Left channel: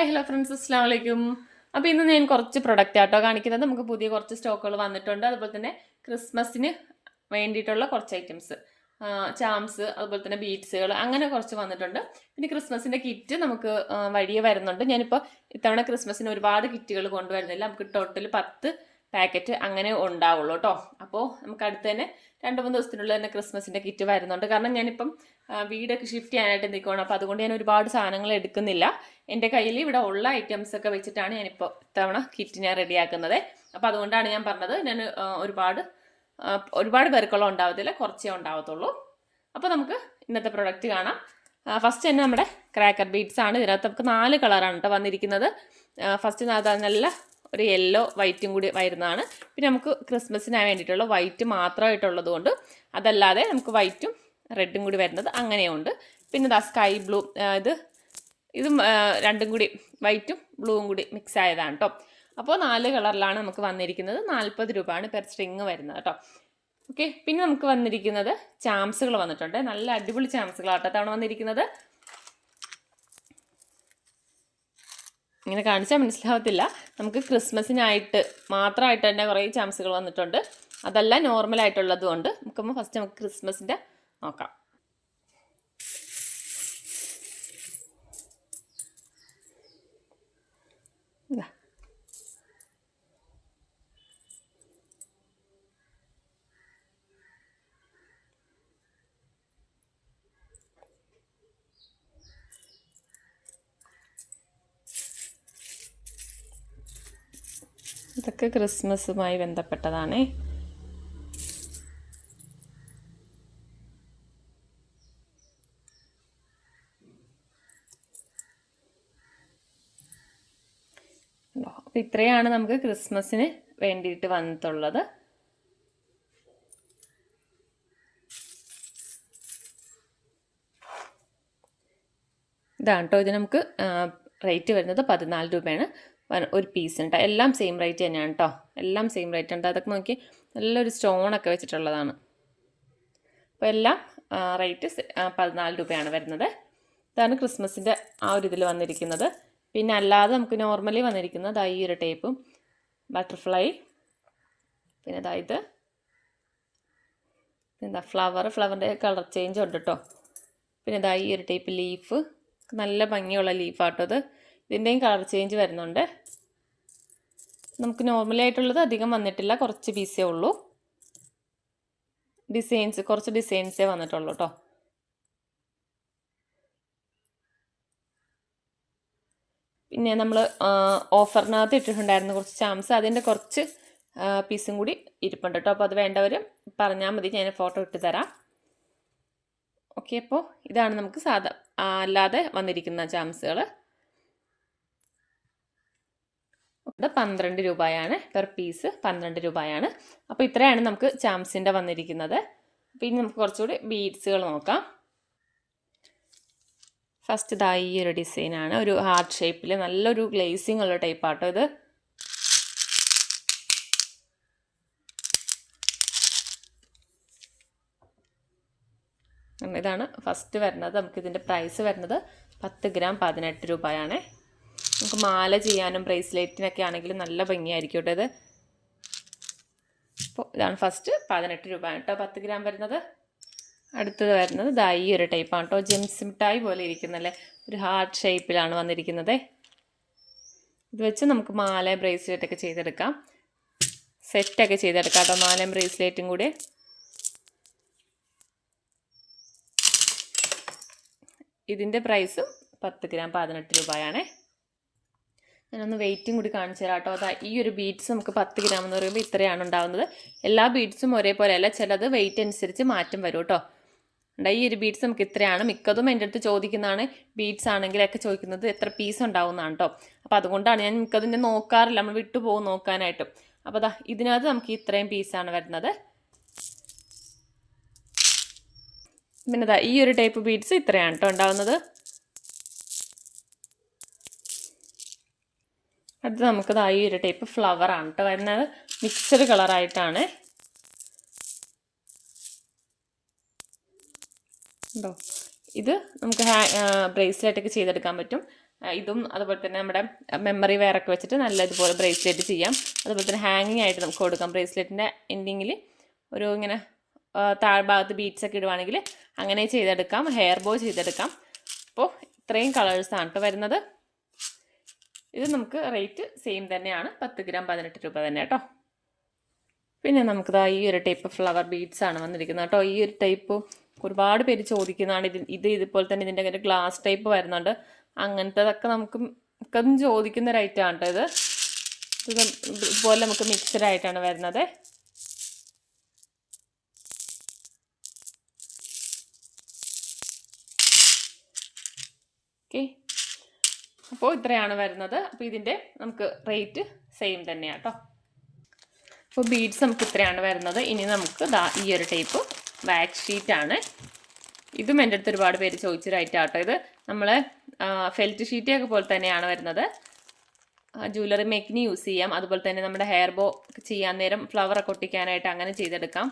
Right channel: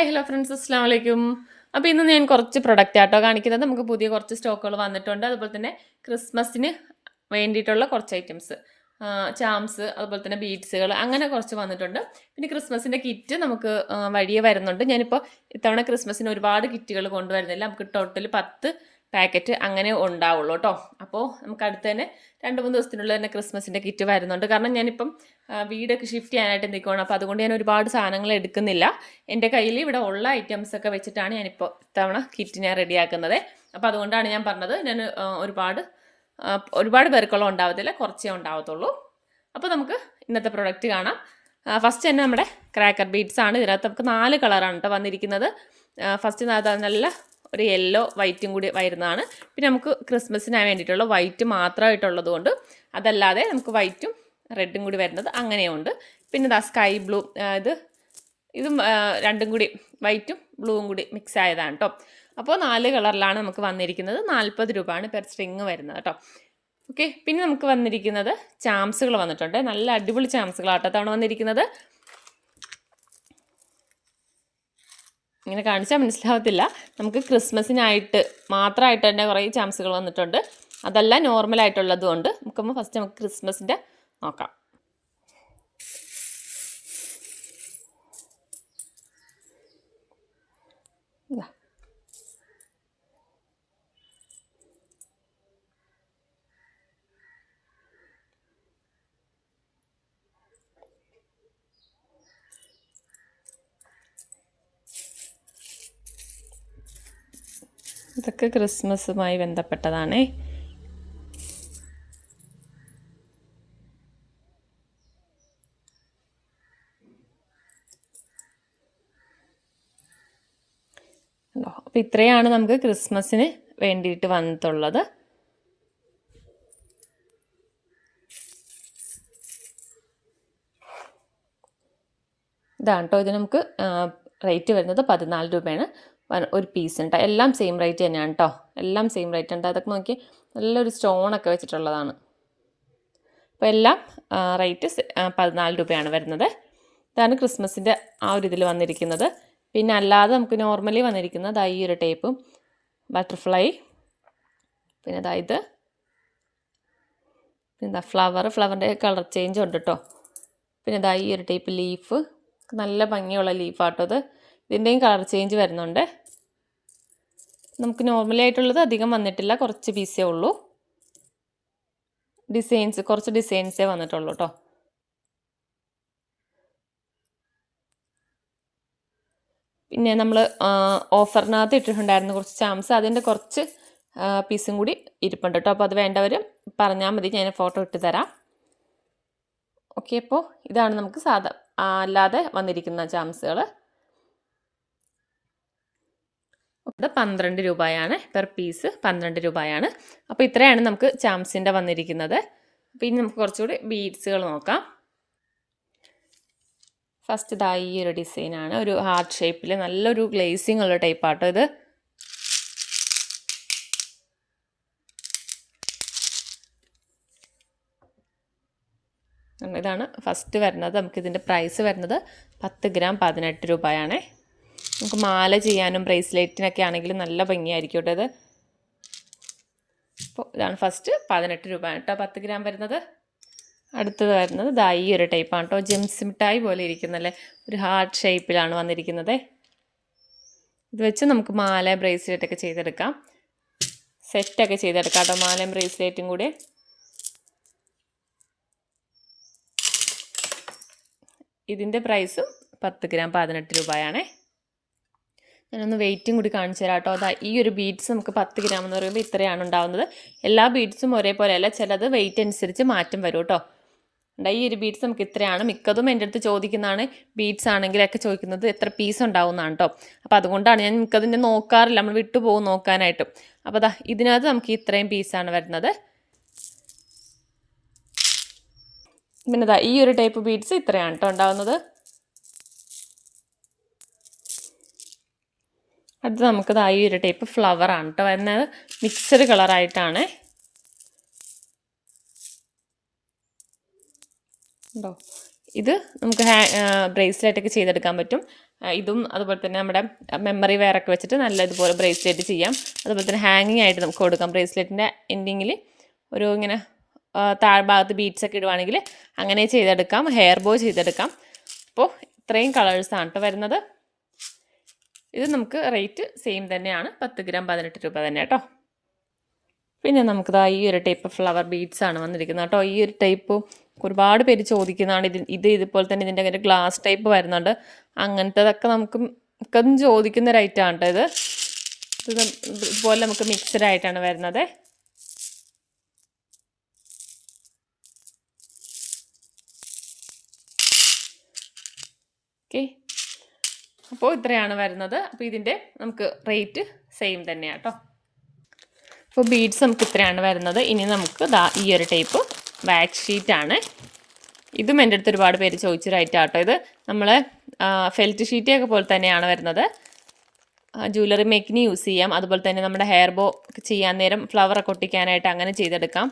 Hi hello friends അസ്സാം വലൈക്കും അപ്പോൾ ഇന്ന് ഞാൻ കുറച്ച് പ്രൊഡക്റ്റ് ആട്ടോ കാണിക്കുന്നത്. നമുക്ക് പുതിയ കുറച്ച് സ്റ്റോക്കുകൾ വന്നിട്ടുണ്ട്. അതുപോലെ തന്നെ ക്രിസ്മസിന് വേണ്ടിയിട്ടുള്ള കുറച്ച് ഐറ്റംസ് ചാംസ് അതുപോലെ തന്നെ ബീറ്റ്സുകൾ അങ്ങനെ കുറച്ച് വന്നിട്ടുണ്ട്. പിന്നെ ക്രിസ്മസിന്റെ കിറ്റ് നമുക്ക് വഴിയെ വരുന്നുണ്ട്. ഞാനിപ്പോൾ ഇത്തവണ ക്രിസ്മസിന് ഒരുപാട് കിറ്റുകൾ കൊണ്ടുവരുന്നില്ല. നമുക്ക് ടോട്ടൽ പത്ത് പാക്കറ്റ് അങ്ങനെ ഉണ്ടാവുള്ളൂ കേട്ടോ. അപ്പോൾ നമുക്ക് അടുത്ത് തന്നെ രണ്ട് മൂന്ന് ദിവസത്തിനുള്ളിൽ തന്നെ ക്രിസ്മസിന്റെ കിറ്റ് വരുന്നുണ്ട്. കാരണം ഞാനിപ്പം വീടൊക്കെ ഷിഫ്റ്റ് ചെയ്യാനായിട്ട് നിൽക്കുകയാണ് അപ്പോൾ അതുകൊണ്ട് ഞാൻ ഒരുപാട് സാധനങ്ങൾ എടുക്കുന്നില്ല. എന്റെ കയ്യിൽ ഇവിടെ ഉള്ള ഐറ്റംസ് ഒക്കെ വെച്ചിട്ടാണ് ഞാനിപ്പോൾ ഇത്തവണ കിറ്റ് ഞാൻ റെഡിയാക്കുന്നത് അപ്പോൾ അതുകൊണ്ടാണ് ഞാൻ പറഞ്ഞത് ഞാൻ ഒരുപാട് ഒരുപാട് പേർക്കുള്ള ഉണ്ടാവത്തില്ല കുറച്ചേ ഉണ്ടാവത്തുള്ളൂ. അപ്പോൾ നമുക്ക് ഇന്നത്തെ പ്രൊഡക്റ്റ് കാണാം. ഫസ്റ്റ് തന്നെ നമ്മുടെ ക്രാക്കർ ബീഡ്സ് ആണ്. ഇതിനകത്ത് നമുക്ക് നാല് കളറാണ് കേട്ടോ വന്നിരിക്കുന്നത്. ഫസ്റ്റ് നല്ല ഒരു യെല്ലോ വൈറ്റും കൂടി വരുന്നതാണ്. പിന്നെ നമുക്ക് ക്രിസ്മസിന് വേണ്ടിയിട്ടുള്ള വൈറ്റ് മാത്രമായിട്ടുള്ളത് കൊണ്ട് അതല്ലാതെ നമുക്ക് വൈറ്റും റെഡും കൂടി വരുന്നത് അങ്ങനെയുണ്ട്. പിന്നെ ദാ സ്കൈ ബ്ലൂ ഇത് ഇതും രണ്ടും കൂടി വൈറ്റും ബ്ലൂവും കൂടി മിക്സ് ആയതാണ് കേട്ടോ അപ്പോൾ നാല് കളറിലാണ് നമുക്ക് വന്നിരിക്കുന്നത്. നാൽപ്പത് രൂപയാണ് പെർ സ്ട്രിങ് വരുന്നത് കേട്ടോ ഓക്കെ പിന്നെ നമുക്ക് വന്നിരിക്കുന്നത് ചാംസുകൾ വന്നിട്ടുണ്ട്. നല്ല അടിപൊളി ചാംസുകളാട്ടോ തവണ വന്നിരിക്കുന്നത്. ഇങ്ങനെ കാണിച്ചാൽ മനസ്സിലാവത്തില്ല. നമുക്ക് ക്രിസ്മസിനായിട്ട് മാത്രമായിട്ട് തന്നെ കുറേ ചാംസുകൾ വന്നിട്ടുണ്ട്. അതല്ല നോർമലായിട്ടുള്ളതുകൊണ്ട് നമുക്കപ്പോൾ ഫസ്റ്റ് നമുക്ക് ക്രിസ്മസിന്റെ നോക്കാം. ഇതാ. ഇതൊക്കെ ക്രിസ്മസുമായി ബന്ധപ്പെട്ടതാണേ. അപ്പോൾ ഇത്രയാണ് നമുക്ക് ക്രിസ്മസിന് വേണ്ടിയിട്ട് വന്നിട്ടുള്ളത്. ഇതാണ് കേട്ടോ ഇത് നമുക്ക് റേറ്റ് വരുന്നത് പതിനാല് രൂപയാണ്. ഒരു പീസ് ഉണ്ട് എല്ലാം സെയിം റേറ്റ് തന്നെയാണ് കേട്ടോ എല്ലാം സെയിം റേറ്റ് ഉണ്ട് അതൊക്കെ നോക്കി നല്ലൊരു സ്റ്റോണൊക്കെ വെച്ചിട്ടുള്ളതാണ്. അപ്പോൾ എല്ലാം റേറ്റ് പതിനാല് രൂപയാണ് വരുന്നത്. ഇതാണ് ക്രിസ്മസിന്റെ ആ ഒരു ഇതിൽ വന്നിരിക്കുന്നത്. പിന്നെ അല്ലാതെ നമുക്ക് നോർമലി വന്നിരിക്കുന്ന ദാ ഈ ഒരു ടേപ്പും ബട്ടർഫ്ലൈ പിന്നെ ദാ ഇത്. എന്താ ഫ്ലവർ ഫ്ലവറിന്റെ കളർ ചേഞ്ച് ഉണ്ട് കേട്ടോ പിന്നെ ദാ ഈ ഒരു ടൈപ്പ് ലീഫ് നല്ല ഭംഗിയുള്ള ലീഫാട്ടോ അത് ഇതിന്റെയും കളർ ചേഞ്ച് വരുന്നുണ്ട്. നമുക്ക് നോർമലി ആയിട്ടുള്ളത് അധികം വന്നിട്ടില്ല കുറച്ച് പീസേ ഉള്ളൂ. ഡിസൈൻസ് കുറച്ച് ഡിസൈൻസേ വന്നിട്ടുള്ളൂ കേട്ടോ പിന്നെ നമ്മൾ ഓഫറിനകത്ത് ഇട്ടിട്ടുണ്ടായിരുന്നു കുറച്ച് ചാംസ് അതിന്റെ കുറച്ച് പീസും കൂടി ഇരിപ്പുണ്ട് കേട്ടോ. അപ്പോൾ അത് വേണ്ടവർ പറഞ്ഞാൽ മതി ഞാൻ ഫോട്ടോ ഇട്ട് തരാം. ഓക്കെ അപ്പോൾ ഇതാണ് നമുക്ക് സാധാ അല്ലാതെ വന്നിരിക്കുന്ന ചാംസുകൾ ഇവിടെ പന്ത്രണ്ട് രൂപയാണ് പെർ പീസ് പന്ത്രണ്ട് രൂപയാണ്. അപ്പോൾ ഇത്രയാണ് നമുക്ക് ചാംസിന്റെ വന്നിരിക്കുന്നത്. പിന്നെ നമുക്ക് കുറച്ചുകൂടി ബീഡ്സുകൾ നോക്കാം. ഫസ്റ്റ് ഇതാ ഈ ഒരു ഡിസൈനാണ് ഒരു ഹാർട്ട് ഷേപ്പിൽ നല്ലൊരു ഗ്ലേസിങ് ഉള്ള ടൈപ്പ് ആട്ടോ ഇത്. ഇതാണ് ഫസ്റ്റ് വരുന്നത്. നമുക്ക് ഇതിന്റെ പ്രൈസ് വരുന്നത് പത്ത് ഗ്രാം പതിനെട്ട് രൂപയാണ്. നമുക്ക് മാല ചെയ്യാനും ബ്രേസ്ലെറ്റിനൊക്കെ ആണെങ്കിലും നല്ല ഭംഗിയായിരിക്കും കേട്ടോ ഇത്. അപ്പോൾ ഇതാണ് ഫസ്റ്റ് പതിനെട്ട് രൂപയാണ് കേട്ടോ പത്ത് ഗ്രാം വരുന്നത്. അടുത്തത് വരുന്നത് ദാ ഈ ഒരു ടൈപ്പാണ് കേട്ടോ ജെംസ് മിഠായി പോലെ ഇരിക്കുന്നല്ലേ? ഒരു ഹാർട്ട് ഷേപ്പിലാണ് വന്നിരിക്കുന്നത്. ഇത് വെച്ച് നമുക്ക് മാല ബ്രേസ്ലെറ്റ് ഒക്കെ ചെയ്തെടുക്കാം. സെറ്റൊക്കെ ചെയ്തെടുക്കാം കേട്ടോ മാലയും ബ്രേസ്ലെറ്റും കൂടി. ഇതിന്റെ പ്രൈസും പത്ത് ഗ്രാം പതിനെട്ട് രൂപയാണ്. ഞാനൊന്ന് വെയിറ്റും കൂടി കാണിച്ചു തരാം കേട്ടോ അതാ ഈ ഒരു ബീഡ്സ് നമുക്ക് പത്ത് ഗ്രാം എന്ന് പറയുമ്പോൾ ഇത്രയാണ് ഉണ്ടാവുന്നത്. എല്ലാ ബീഡ്സും ഒരേപോലെ അല്ല ചിലത് വെയിറ്റ് അനുസരിച്ച് മാറ്റം വരും കേട്ടോ ഉണ്ടാ ഈ ഒരു ബീഡ്സ് നമുക്ക് ഇത്രയാണ്. മിക്കതും എന്റെ അടുത്ത് ചോദിക്കുന്നതാണ് ബീഡ്സ് ആണെങ്കിലൊക്കെ ചോദിക്കുന്നത് എത്ര പീസ് ഉണ്ടാവുന്നതാണ് കേട്ടോ അപ്പോൾ അതുകൊണ്ടാണ് ഞാൻ മിക്കതിന്റെ നോക്കാറില്ല. നമ്മൾ വിട്ടുപോകും നോക്കാനായിട്ട്. അപ്പോൾ അതാ ഇതിനകത്ത് നമുക്ക് ഇത്രയും പീസാണ് വരുന്നത്. പിന്നെ ദാ ഈ ഒരു ടൈപ്പ് ബീഡ്സ് ഇത്രയാണ് കേട്ടോ ഉണ്ടാവുന്നത്. അത് നമുക്ക് ഈ ഒരു ടൈപ്പ് ഫ്ലവറാണ് കേട്ടോ വരുന്നത്. മിക്സഡ് കളറായിട്ടാണ് ഉണ്ടോ? ഇത് നമുക്ക് ഹാ ബ്രേസ്ലെറ്റ് ഒക്കെ ചെയ്തെടുക്കാൻ പറ്റും. ഇതും അതുപോലെ തന്നെ നമ്മുടെ മെമ്മറി വെയറൊക്കെ വെച്ചിട്ട് നല്ല ഇതുപോലെ ബ്രേസ്ലെറ്റ് ചെയ്യാം. അതുപോലെ തന്നെ ഹാങ്ങിങ് ആയിട്ട് നമുക്ക് കൊടുക്കാം. ബ്രേസ്ലെറ്റിന്റെ എൻഡിങ്ങിൽ ഒരു ഇങ്ങനെ താഴ്ഭാഗത്ത് ബീഡ്സ് ഒക്കെ ഇടുവാണെങ്കിൽ അങ്ങനെ ചെയ്തെടുക്കാം. ഹെയർ ബോ ചെയ്തെടുക്കാം. അപ്പോൾ ഇത്രയും കളേഴ്സാണ് കേട്ടോ വരുന്നത്. ഇത് നമുക്ക് റേറ്റ് സെയിം തന്നെയാണ്. പത്ത് ഗ്രാം പതിനെട്ട് രൂപ തന്നെ കേട്ടോ പിന്നെ നമുക്കിതാ ഈ ഒരു ടൈപ്പ് ഫ്ലവർ ബീഡ്സാണ് വന്നിരിക്കുന്നത് കേട്ടോ ഈ ഒരു ടൈപ്പ് ഒരുപാട് പേര് ചോദിക്കുന്നതാണ്. ഇത് ഇത് ഇതുപോലെ തന്നെ ഇതിന്റെ ഒരു ഗ്ലാസ് ടൈപ്പ് വരുന്നുണ്ട്. അങ്ങനത്തതൊക്കെ നമുക്ക് ഒക്കെ ചോദിക്കുന്ന ഒരു ഐറ്റം ആണ് കേട്ടോ ഇത്. ഇത് ഇതുപോലെ നമുക്ക് മിക്സഡ് ആയിട്ടാണ് വരുന്നത്. ഓക്കെ അപ്പോൾ ഇത്രയാണ് വരുന്നത്. അപ്പോൾ ഇതിന്റെ നമുക്ക് റേറ്റ് സെയിം തന്നെയാണ് കേട്ടോ. അപ്പോൾ ബീഡ്സ് നമുക്ക് ഇത്രയാണ് വരുന്നത്. ഇനി നമുക്ക് ഈ ഒരു ടൈപ്പ് വാക്സ് ഷീറ്റാണ് ഇതും എന്റെ അടുത്ത് ഒരുപാട് പേര് ചോദിച്ചൊരു ഐറ്റം ആട്ടോ. ഇത് നമ്മൾ ഫെൽറ്റ് ഷീറ്റൊക്കെ പോലെ തന്നെയാണ് വരുന്നത്. ജ്വല്ലറി മേക്കിന് യൂസ് ചെയ്യാം. അതുപോലെ തന്നെ നമ്മുടെ ഹെയർ ബോ ചെയ്യാൻ നേരം ഫ്ലവറൊക്കെ ഒട്ടിക്കാനായിട്ട് അങ്ങനെ ചെയ്തെടുക്കാം.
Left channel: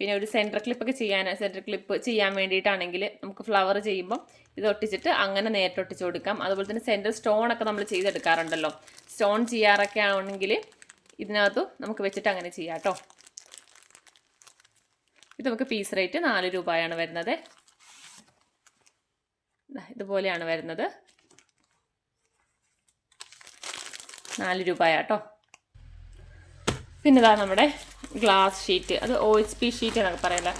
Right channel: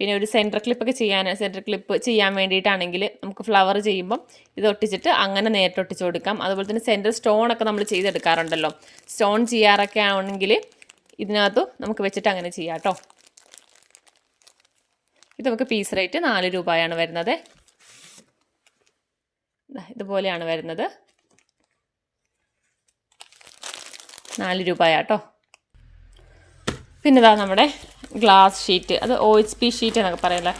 പിന്നെ ഒരു സെന്റർ ക്ലിപ്പൊക്കെ ചെയ്യാൻ സെന്റർ ക്ലിപ്പ് ചെയ്യാൻ വേണ്ടിയിട്ടാണെങ്കിൽ നമുക്ക് ഫ്ലവർ ചെയ്യുമ്പം ഇത് ഒട്ടിച്ചിട്ട് അങ്ങനെ നേരിട്ട് ഒട്ടിച്ചു കൊടുക്കാം. അതുപോലെ തന്നെ സെന്റർ സ്റ്റോണൊക്കെ നമ്മൾ ചെയ്തെടുക്കാറുണ്ടല്ലോ. സ്റ്റോൺ ചെയ്യാറൊക്കെ ആണെങ്കിൽ ഇതിനകത്ത് നമുക്ക് വെച്ചിട്ട് അങ്ങനെ ചെയ്യാം കേട്ടോ ഇത് നമുക്ക് പീസ് റേറ്റ് നാല് രൂപയാണ് വരുന്നത്. ഇതുപോലെയാണ് വരുന്നത്. നാല് രൂപയാട്ടോ. പിന്നെ നമ്മുടെ ഗ്ലാസ് ഷീറ്റ് അത് ഒ എച്ച് പി ഷീറ്റ് എന്നൊക്കെ പറയല്ലേ?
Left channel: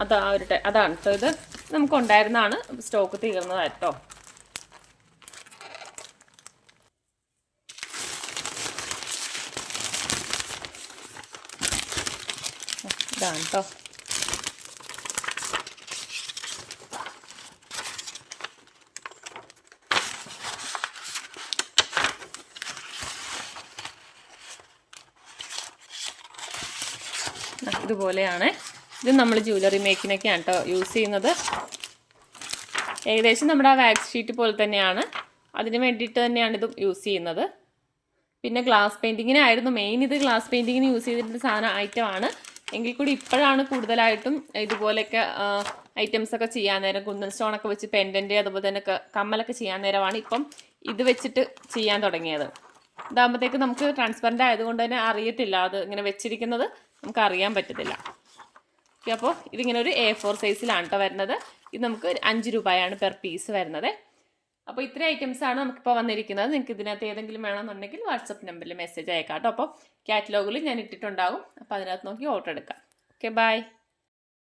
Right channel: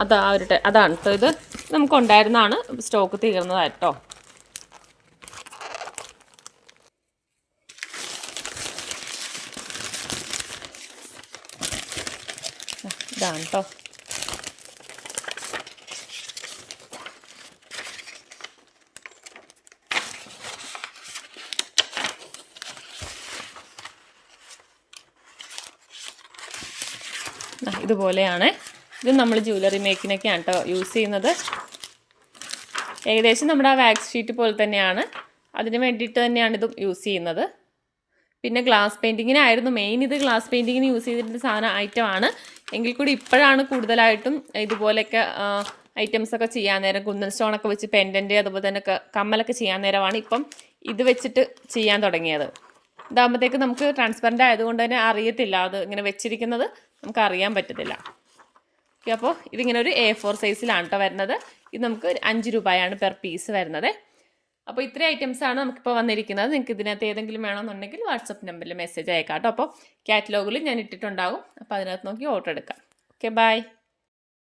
അത് അവരുടെ അതാണ് ഇത്. നമുക്ക് ഉണ്ടായിരുന്നതാണ് സ്റ്റോക്ക് തീർന്നതായിട്ടോ ഇതാണ് കേട്ടോ ദാ ഇതുപോലെയാണ്. ഇത് നമ്മൾ ജ്വല്ലറി മേക്കിനൊക്കെയാണ് കേട്ടോ യൂസ് ചെയ്യുന്നത്. ഏകദേശം നമ്മുടെ ആ വാക്സ് ഷീറ്റ് പോലെ തന്നെയാണ്. അതിന് വേണ്ടിയിട്ട് തന്നെയാണ് ഇതും യൂസ് ചെയ്യുന്നത്. പിന്നെ ഗ്ലാസ് പെയിന്റിങ്ങിനായിരുന്നു മെയിൻ ഇത്. ഗ്ലാസ് പെയിന്റിങ്ങിന് യൂസ് ചെയ്തിട്ടുള്ള സാധനം ഐറ്റമാണ് എങ്കിൽ കൂടി ഇപ്പോഴാണ് കൂടുതലായിട്ടും ഇതുപോലെയൊക്കെ ഐറ്റംസ് ഒക്കെ ചെയ്യാൻ നേരം കുന്തൻ സ്റ്റോണൊക്കെ വെച്ച് പെൻഡന്റ് അതുപോലെ തന്നെ കമ്മലൊക്കെ ചെയ്യാൻ നേരമാണ് ഇപ്പം ഇത് വെച്ചിട്ട് ചെയ്യാൻ തുടങ്ങിയത്. ഇതാകുമ്പോഴത്തേക്ക് നമുക്ക് ട്രാൻസ്പെറന്റ് ആയതുകൊണ്ട് തന്നെ അറിയത്തില്ല. അത് ഇങ്ങനെ വെച്ചിരിക്കുന്നത്. നമുക്ക് അറിയാൻ പറ്റത്തില്ല. ഓക്കെ അപ്പോൾ ഇതിങ്ങനെ ഒരു എ ഫോർ സൈസിലാണ് കേട്ടോ വരുന്നത്. ഇത് നമുക്ക് അഞ്ച് രൂപയാണ് പെർ പീസ് വരുന്നത്. അപ്പോൾ ഇത്രയും ഐറ്റംസ് ആണ് നമുക്കിപ്പോൾ വന്നിരിക്കുന്നത്. നിങ്ങൾക്ക് ഇതിനകത്ത് ഏതെങ്കിലും വേണമെന്നുണ്ടെങ്കിൽ വാട്സപ്പ് നമ്പറിൽ മെസ്സേജ് അയക്കാം കേട്ടോ അപ്പോൾ കാറ്റലോഗിൽ ഞാൻ ഇട്ടിട്ടുണ്ടാവും. അപ്പോൾ അതിനകത്ത് നോക്കി ഓർഡർ എടുക്കാം. Okay bye